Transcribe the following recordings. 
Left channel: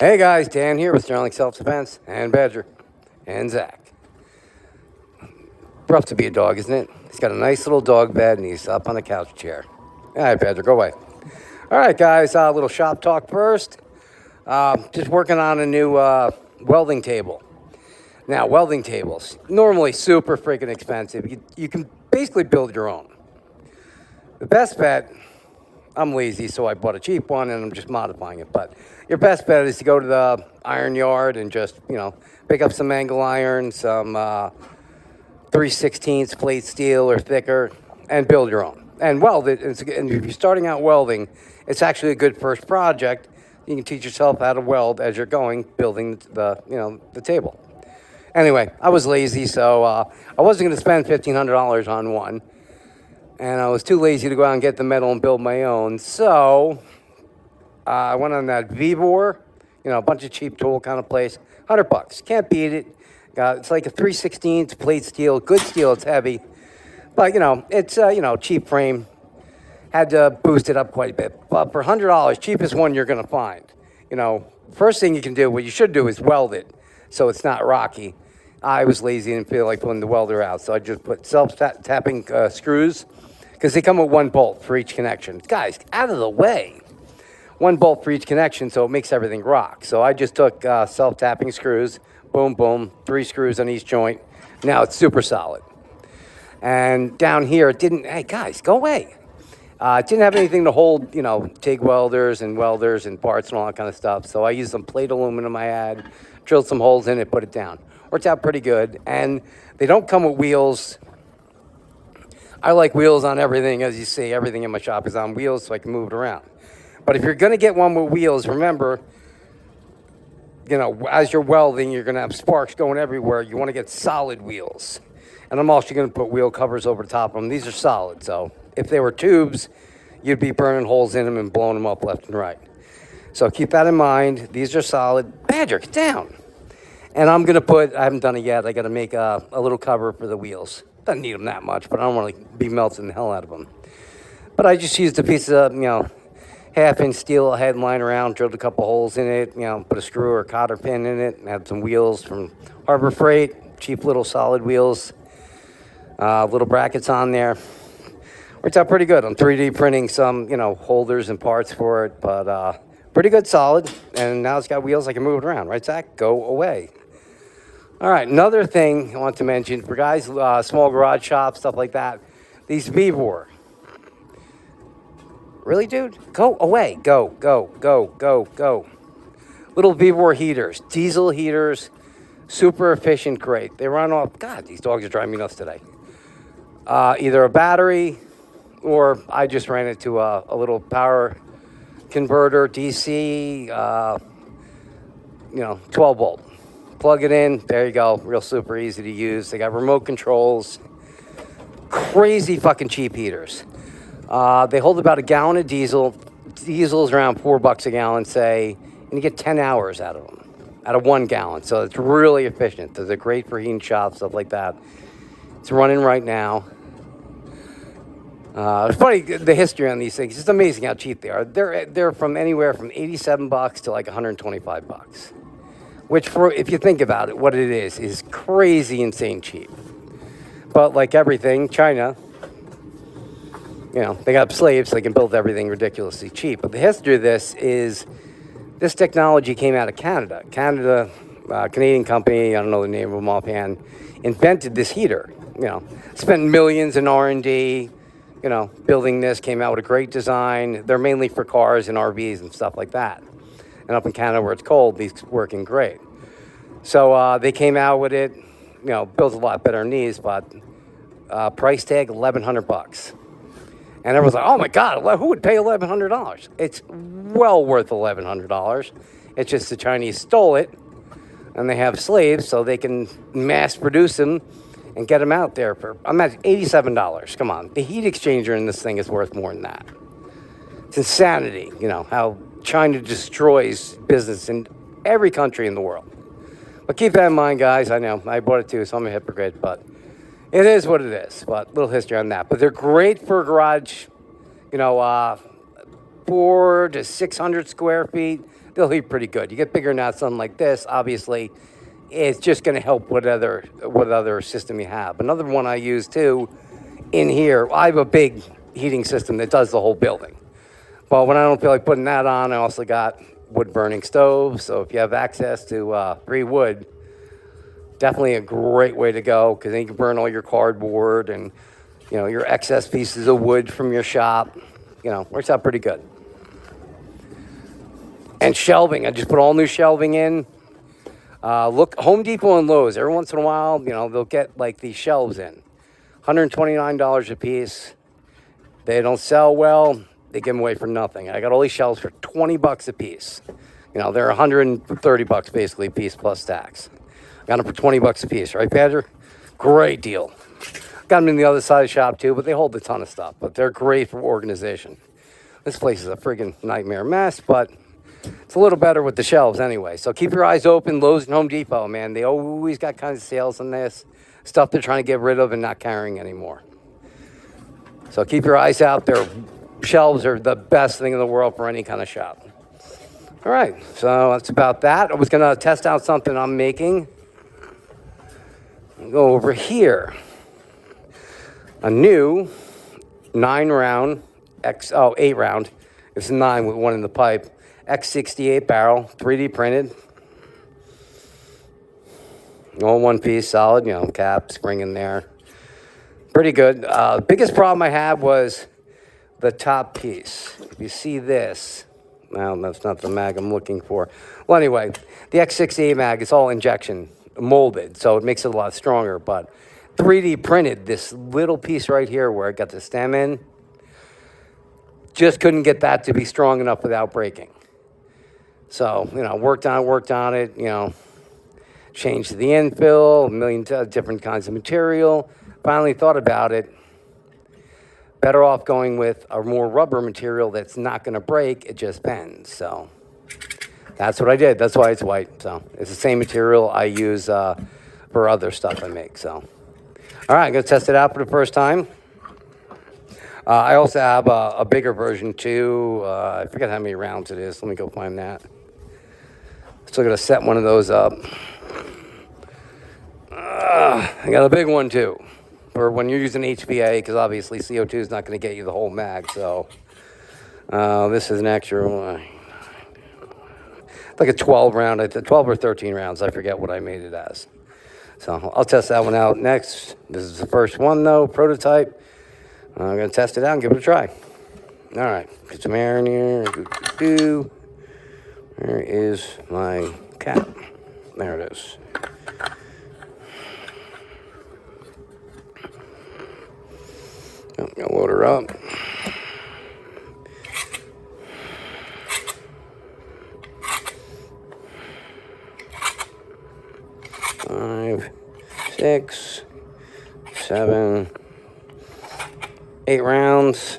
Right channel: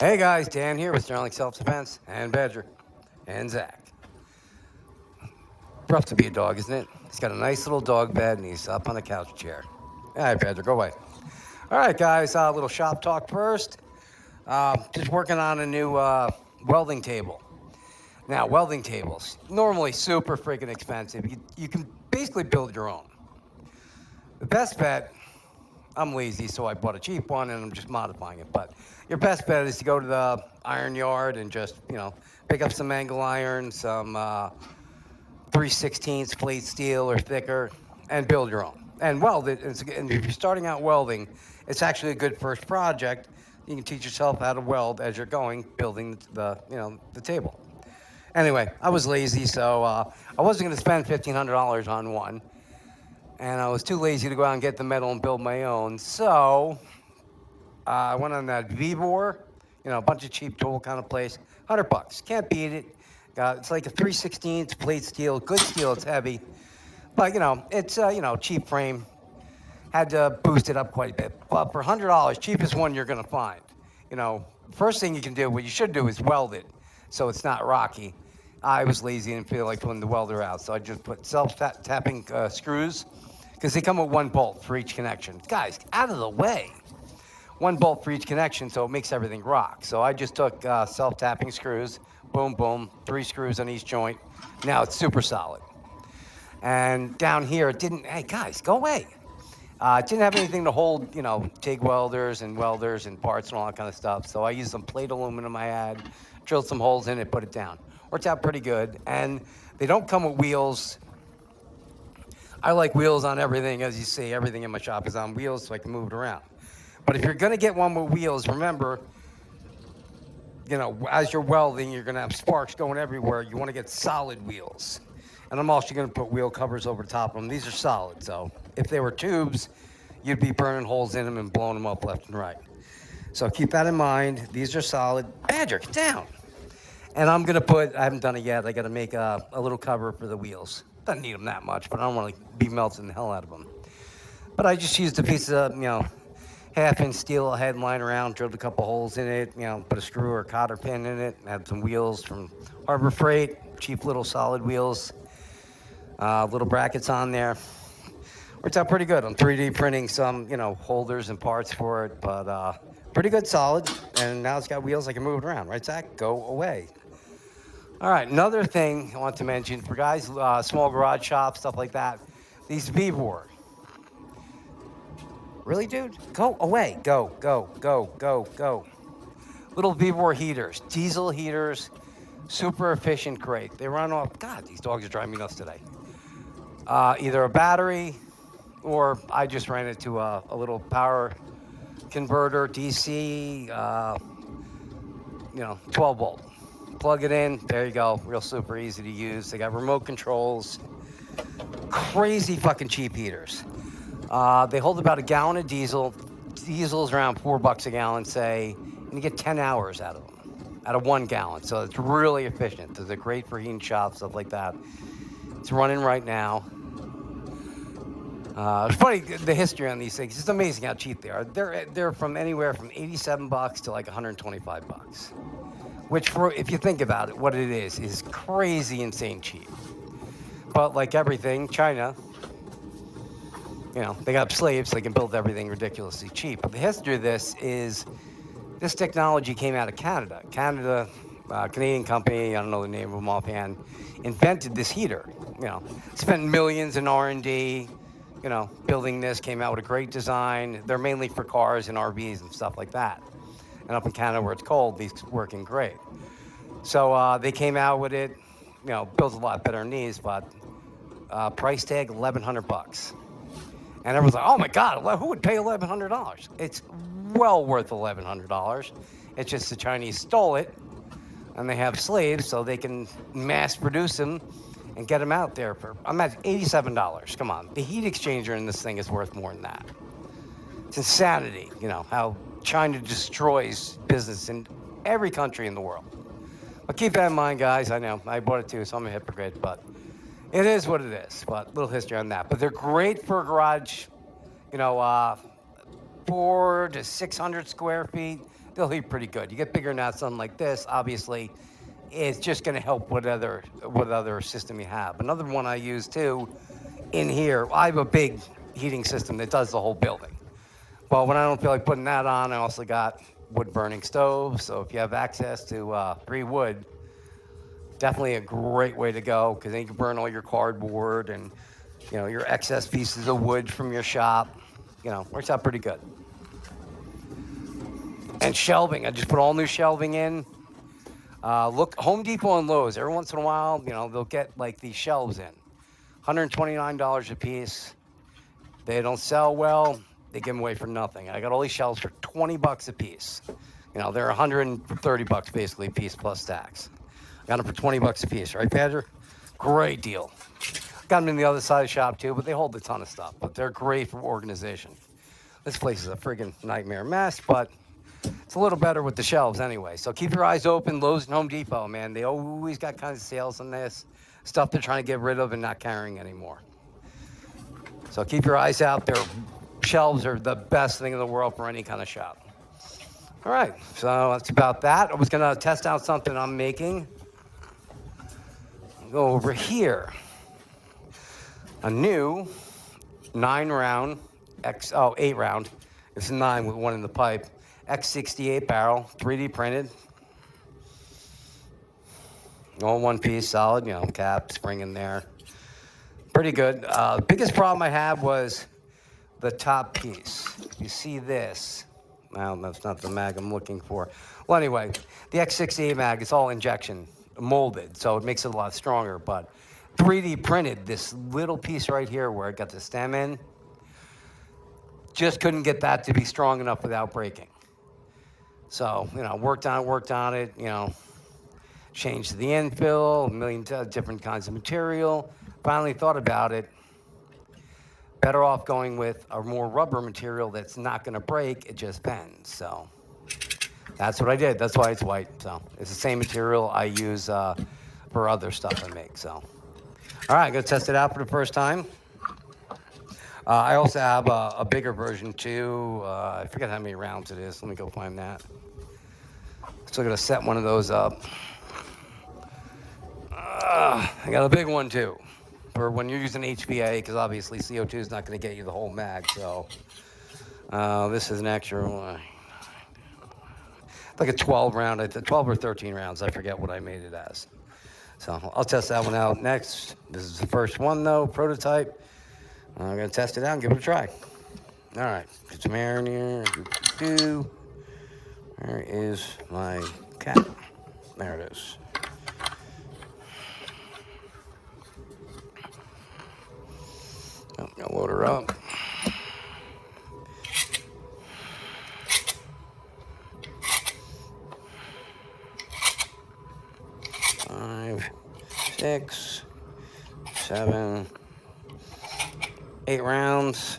Hey guys, Dan here with Sterling Self Defense and Badger and Zach. Rough to be a dog, isn't it? He's got a nice little dog bed and he's up on a couch chair. All right, Badger, go away. All right, guys, a little shop talk first. Just working on a new welding table. Now, welding tables, normally super freaking expensive. You can basically build your own. The best bet, I'm lazy, so I bought a cheap one and I'm just modifying it. But your best bet is to go to the iron yard and just, pick up some angle iron, some 3/16 plate steel or thicker, and build your own. And weld it. And if you're starting out welding, it's actually a good first project. You can teach yourself how to weld as you're going, building the table. Anyway, I was lazy, so I wasn't going to spend $1,500 on one. And I was too lazy to go out and get the metal and build my own. So I went on that Vibor, a bunch of cheap tool kind of place. $100. Can't beat it. It's like a 3/16 plate steel. Good steel. It's heavy. But, it's, cheap frame. Had to boost it up quite a bit. But for $100, cheapest one you're going to find. First thing you can do, what you should do is weld it so it's not rocky. I was lazy and feel like pulling the welder out. So I just put self-tapping screws because they come with one bolt for each connection. Guys, out of the way. One bolt for each connection, so it makes everything rock. So I just took self-tapping screws, boom, boom, 3 screws on each joint. Now it's super solid. And down here, it didn't, hey guys, go away. It didn't have anything to hold, TIG welders and parts and all that kind of stuff. So I used some plate aluminum I had, drilled some holes in it, put it down. Worked out pretty good. And they don't come with wheels. I like wheels on everything. As you see, everything in my shop is on wheels so I can move it around. But if you're going to get one with wheels, remember, as you're welding, you're going to have sparks going everywhere. You want to get solid wheels. And I'm also going to put wheel covers over the top of them. These are solid, so if they were tubes, you'd be burning holes in them and blowing them up left and right. So keep that in mind. These are solid. Badger, get down. And I'm going to I haven't done it yet. I got to make a little cover for the wheels. Doesn't need them that much, but I don't want to be melting the hell out of them. But I just used a piece of, half-inch steel I had lying around, drilled a couple holes in it, put a screw or a cotter pin in it, and had some wheels from Harbor Freight, cheap little solid wheels, little brackets on there. Worked out pretty good. I'm 3D printing some, holders and parts for it, but pretty good solid. And now it's got wheels, I can move it around. Right, Zach? Go away. All right, another thing I want to mention for guys, small garage shops, stuff like that, these Vibor. Really, dude? Go away. Go, go, go, go, go. Little Vibor heaters, diesel heaters, super efficient, great. They run off, God, these dogs are driving me nuts today. Either a battery or I just ran it to a little power converter, DC, 12 volt. Plug it in, there you go, real super easy to use. They got remote controls, crazy fucking cheap heaters. They hold about a gallon of diesel. Diesel's around $4 a gallon, say, and you get 10 hours out of them, out of 1 gallon. So it's really efficient. They're great for heating shops, stuff like that. It's running right now. It's funny, the history on these things. It's amazing how cheap they are. They're from anywhere from $87 to like $125, which, if you think about it, what it is crazy, insane cheap. But like everything, China, they got slaves, so they can build everything ridiculously cheap. But the history of this is this technology came out of Canada. Canadian company, I don't know the name of them offhand, invented this heater. Spent millions in R&D, building this, came out with a great design. They're mainly for cars and RVs and stuff like that. And up in Canada where it's cold, these working great. So they came out with it, built a lot better than these, but price tag $1,100. And everyone's like, oh my God, who would pay $1,100? It's well worth $1,100. It's just the Chinese stole it, and they have slaves, so they can mass produce them and get them out there for, I'm at $87. Come on, the heat exchanger in this thing is worth more than that. It's insanity, how China destroys business in every country in the world. But keep that in mind, guys. I know, I bought it too, so I'm a hypocrite, but it is what it is. But little history on that. But they're great for garage, 400 to 600 square feet, they'll heat pretty good. You get bigger than that, something like this, obviously, it's just going to help what other system you have. Another one I use too, in here, I have a big heating system that does the whole building. But when I don't feel like putting that on, I also got wood burning stoves. So if you have access to free wood, definitely a great way to go, because then you can burn all your cardboard and your excess pieces of wood from your shop. Works out pretty good. And shelving, I just put all new shelving in. Look, Home Depot and Lowe's, every once in a while, they'll get like these shelves in. $129 a piece. They don't sell well. They give them away for nothing. I got all these shelves for $20 a piece. They're $130 basically a piece plus tax. Got them for $20 a piece, right, Badger? Great deal. Got them in the other side of the shop too, but they hold a ton of stuff. But they're great for organization. This place is a friggin' nightmare mess, but it's a little better with the shelves anyway. So keep your eyes open. Lowe's and Home Depot, man. They always got kinds of sales on this. Stuff they're trying to get rid of and not carrying anymore. So keep your eyes out. Their shelves are the best thing in the world for any kind of shop. All right, so that's about that. I was going to test out something I'm making. Go over here. A new 9-round, 8-round. It's 9 with one in the pipe. X-68 barrel, 3D printed. All one piece, solid, cap, spring in there. Pretty good. Biggest problem I had was the top piece. If you see this, well, that's not the mag I'm looking for. Well, anyway, the X-68 mag is all injection molded, so it makes it a lot stronger. But 3D printed, this little piece right here where it got the stem in, just couldn't get that to be strong enough without breaking. So, worked on it, changed the infill, a million different kinds of material. Finally thought about it. Better off going with a more rubber material that's not going to break, it just bends. So that's what I did. That's why it's white. So it's the same material I use for other stuff I make. So, all right, I'm going to test it out for the first time. I also have a bigger version too. I forget how many rounds it is. Let me go find that. Still got to set one of those up. I got a big one too, for when you're using HVA, because obviously CO2 is not going to get you the whole mag. So this is an extra one. Like a 12 round, 12 or 13 rounds. I forget what I made it as. So I'll test that one out next. This is the first one though, prototype. I'm going to test it out and give it a try. All right, get some air in here. Where is my cap? There it is. I'm going to load her up. Five, 6, 7, 8 rounds,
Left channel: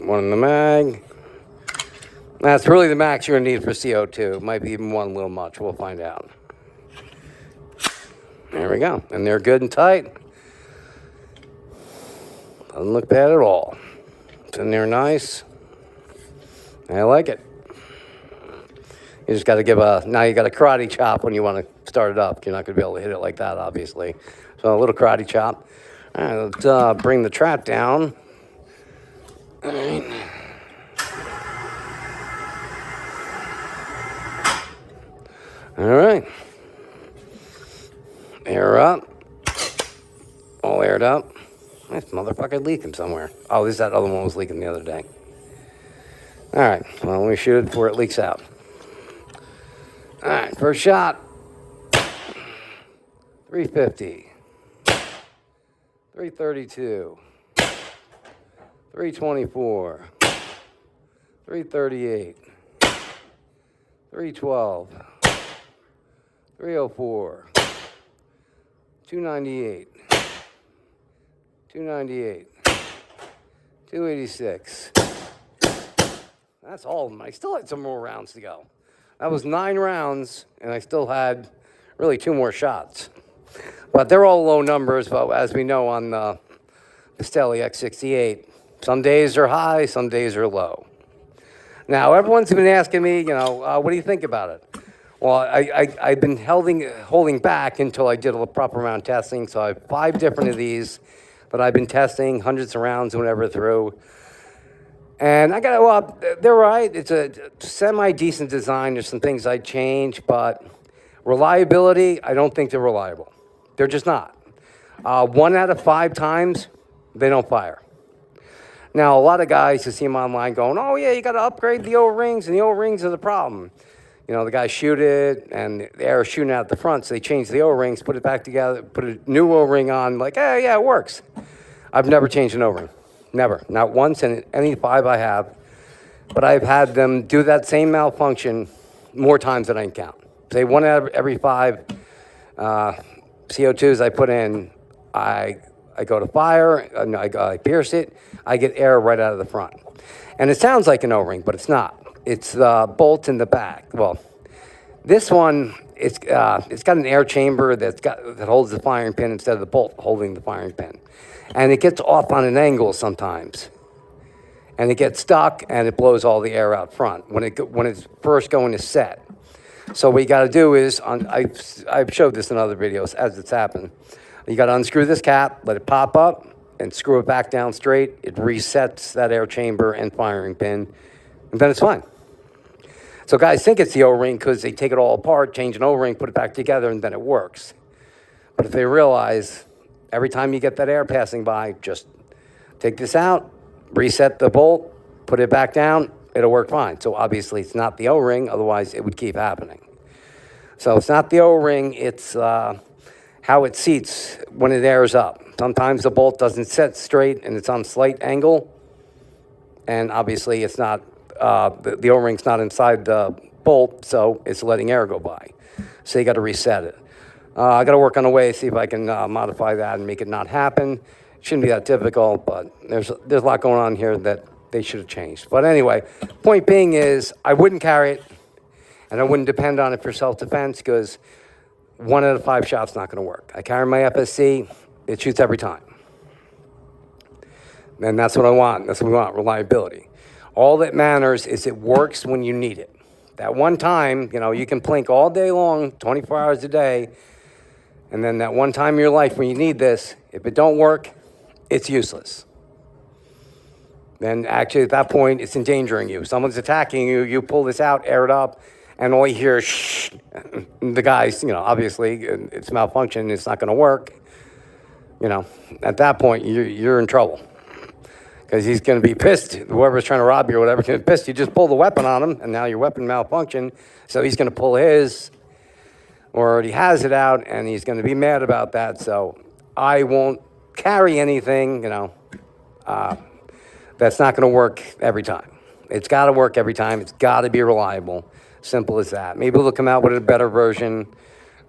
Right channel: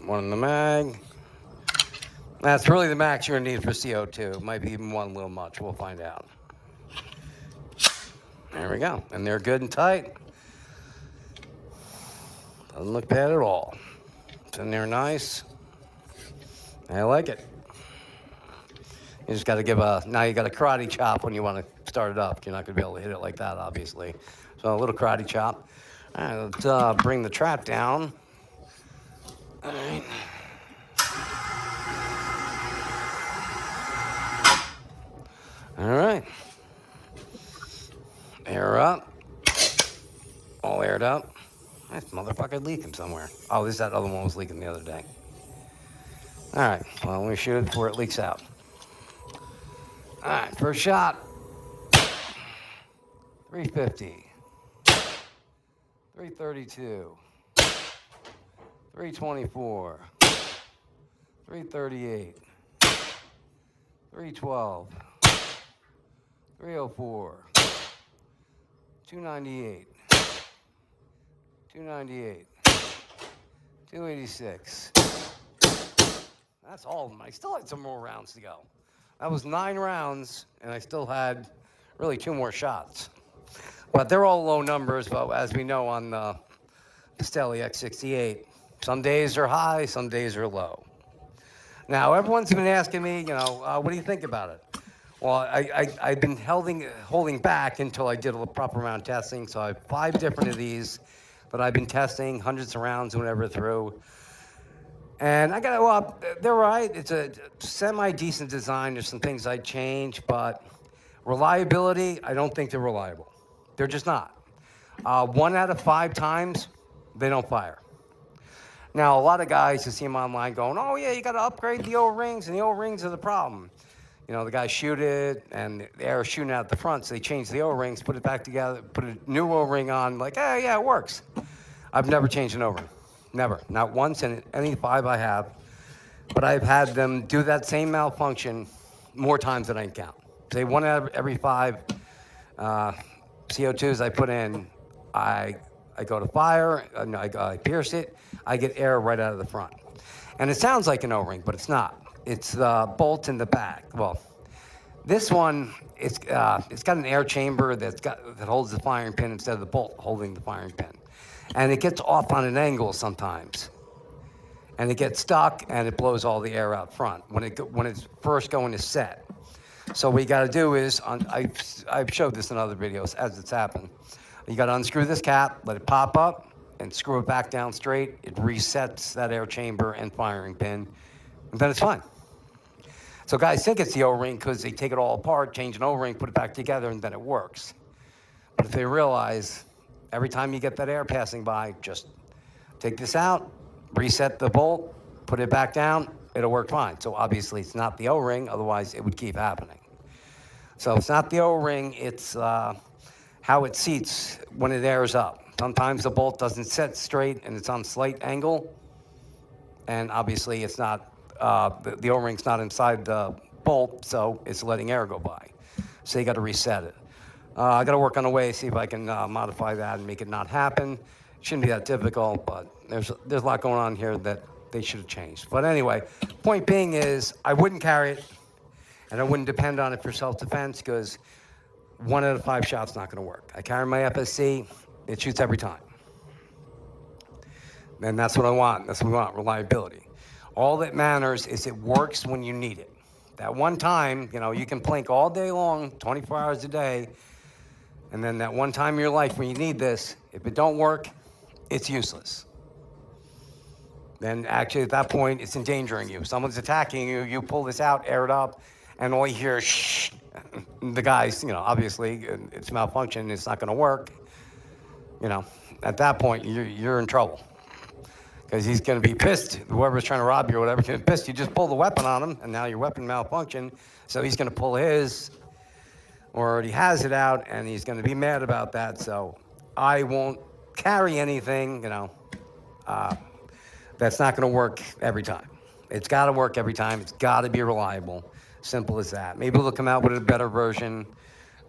one in the mag. That's really the max you're going to need for CO2. It might be even one a little much. We'll find out. There we go. And they're good and tight. Doesn't look bad at all. It's in there nice. I like it. You just got to now you got a karate chop when you want to start it up. You're not going to be able to hit it like that, obviously. So a little karate chop. All right, let's bring the trap down. All right. All right. Air up. All aired up. This motherfucker leaking somewhere. Oh, that other one was leaking the other day. All right. Well, let me shoot it before it leaks out. All right. First shot. 350. 332. 324. 338. 312. 304. 298. 298. 286. That's all of them. I still had some more rounds to go. That was 9 rounds, and I still had really 2 more shots. But they're all low numbers, but as we know on the Stelly X-68, some days are high, some days are low. Now, everyone's been asking me, what do you think about it? Well, I've been holding back until I did a proper amount of testing. So I have 5 different of these that I've been testing, hundreds of rounds, whatever through. And they're right. It's a semi-decent design. There's some things I'd change, but reliability, I don't think they're reliable. They're just not. 1 out of 5 times, they don't fire. Now, a lot of guys, you see them online going, oh, yeah, you got to upgrade the O-rings, and the O-rings are the problem. The guys shoot it, and the air is shooting out the front, so they change the O-rings, put it back together, put a new O-ring on, like, hey, yeah, it works. I've never changed an O-ring. Never. Not once in any 5 I have. But I've had them do that same malfunction more times than I can count. Say 1 out of every 5 CO2s I put in, I go to fire, I pierce it, I get air right out of the front. And it sounds like an O-ring, but it's not. It's the bolt in the back. Well, this one, it's got an air chamber that holds the firing pin instead of the bolt holding the firing pin. And it gets off on an angle sometimes. And it gets stuck, and it blows all the air out front when it's first going to set. So what you got to do is, I've showed this in other videos as it's happened. You got to unscrew this cap, let it pop up, and screw it back down straight. It resets that air chamber and firing pin, and then it's fine. So guys think it's the O-ring because they take it all apart, change an O-ring, put it back together, and then it works. But if they realize every time you get that air passing by, just take this out, reset the bolt, put it back down, it'll work fine. So obviously it's not the O-ring, otherwise it would keep happening. So it's not the O-ring, it's how it seats when it airs up. Sometimes the bolt doesn't set straight and it's on a slight angle, and obviously it's not, the O-ring's not inside the bolt, so it's letting air go by. So you got to reset it. I got to work on a way, see if I can modify that and make it not happen. Shouldn't be that difficult, but there's a lot going on here that they should have changed. But anyway, point being is I wouldn't carry it, and I wouldn't depend on it for self-defense because 1 out of 5 shots not going to work. I carry my FSC, it shoots every time. And that's what I want. That's what we want, reliability. All that matters is it works when you need it. That one time, you can plink all day long, 24 hours a day, and then that one time in your life when you need this, if it don't work, it's useless. Then actually at that point, it's endangering you. Someone's attacking you, you pull this out, air it up, and all you hear is shh. The guy's, obviously it's malfunction, it's not gonna work. At that point, you're in trouble. Because he's going to be pissed. Whoever's trying to rob you or whatever, going to be pissed. You just pull the weapon on him, and now your weapon malfunctioned. So he's going to pull his, or already has it out, and he's going to be mad about that. So I won't carry anything, that's not going to work every time. It's got to work every time. It's got to be reliable. Simple as that. Maybe they'll come out with a better version.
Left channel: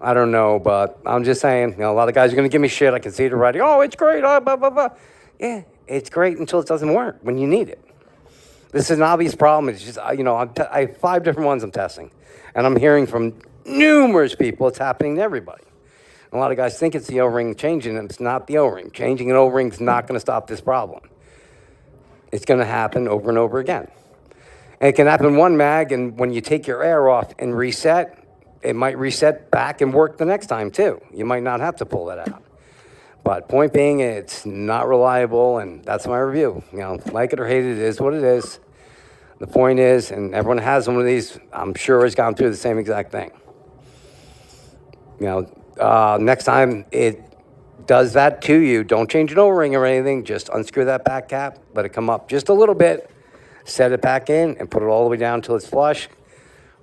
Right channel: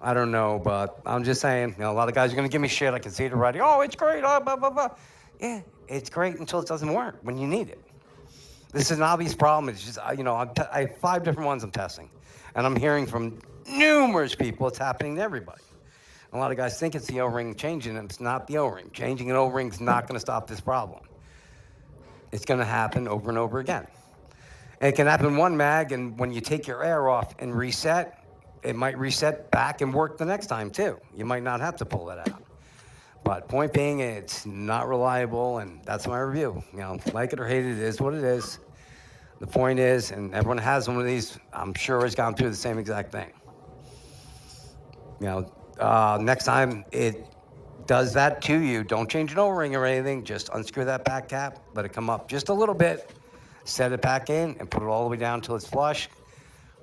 I don't know, but I'm just saying, a lot of guys are going to give me shit. I can see it already. Oh, it's great. Oh, blah, blah, blah. Yeah. It's great until it doesn't work when you need it. This is an obvious problem. It's just, I have 5 different ones I'm testing. And I'm hearing from numerous people it's happening to everybody. A lot of guys think it's the O-ring changing, and it's not the O-ring. Changing an O-ring is not going to stop this problem. It's going to happen over and over again. And it can happen one mag, and when you take your air off and reset, it might reset back and work the next time too. You might not have to pull that out. But point being, it's not reliable, and that's my review. Like it or hate it, it is what it is. The point is, and everyone has one of these, I'm sure has gone through the same exact thing. Next time it does that to you, don't change an O-ring or anything. Just unscrew that back cap, let it come up just a little bit, set it back in, and put it all the way down until it's flush.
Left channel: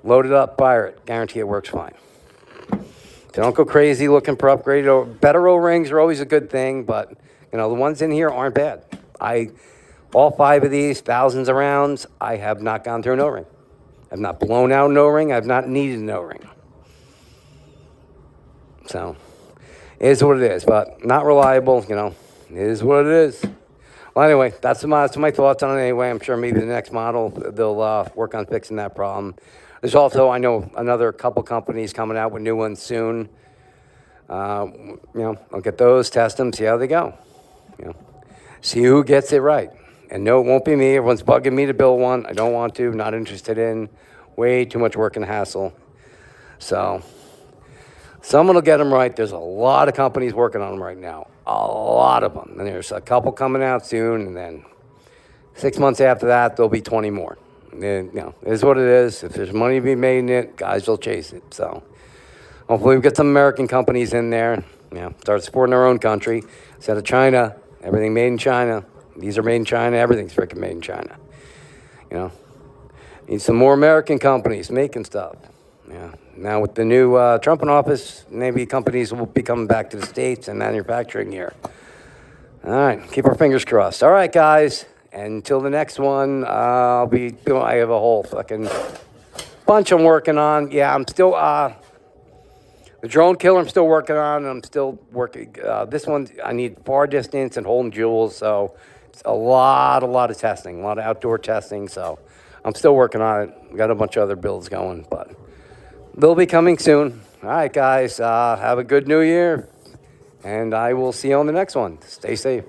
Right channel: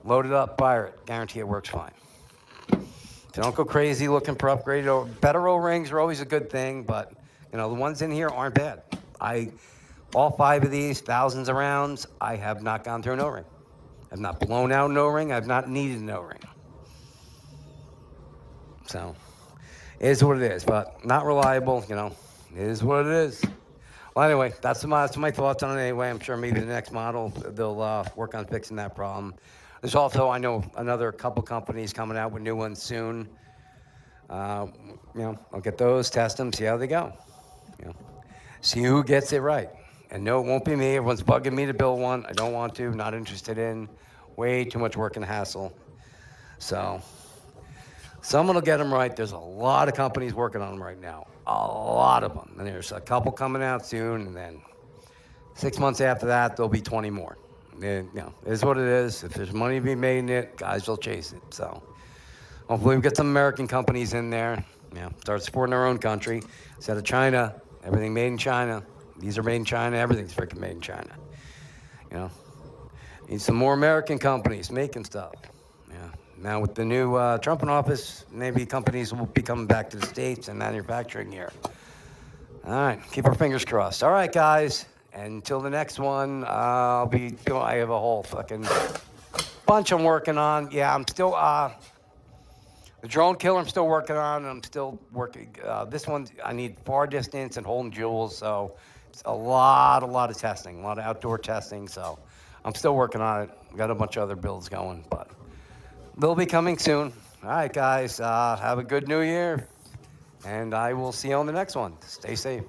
Load it up, fire it. Guarantee it works fine. So don't go crazy looking for upgraded better O-rings are always a good thing, but the ones in here aren't bad. All 5 of these, thousands of rounds, I have not gone through an O-ring. I've not blown out an O-ring. I've not needed an O-ring. So it is what it is, but not reliable. It is what it is. Well, anyway, that's my thoughts on it. Anyway, I'm sure maybe the next model they'll work on fixing that problem. There's also, I know, another couple companies coming out with new ones soon. I'll get those, test them, see how they go. See who gets it right. And no, it won't be me. Everyone's bugging me to build one. I don't want to, not interested in. Way too much work and hassle. So someone will get them right. There's a lot of companies working on them right now. A lot of them. And there's a couple coming out soon. And then 6 months after that, there'll be 20 more. And, it is what it is. If there's money to be made in it, guys will chase it. So hopefully we get some American companies in there. Start supporting our own country. Instead of China, everything made in China. These are made in China. Everything's freaking made in China. Need some more American companies making stuff. Now with the new Trump in office, maybe companies will be coming back to the States and manufacturing here. All right, keep our fingers crossed. All right, guys. Until the next one, I have a whole fucking bunch I'm working on. Yeah, I'm still, the drone killer I'm still working on, and I'm still working. This one, I need far distance and holding jewels, so it's a lot of testing, a lot of outdoor testing, so I'm still working on it. Got a bunch of other builds going, but they'll be coming soon. All right, guys, have a good new year, and I will see you on the next one. Stay safe.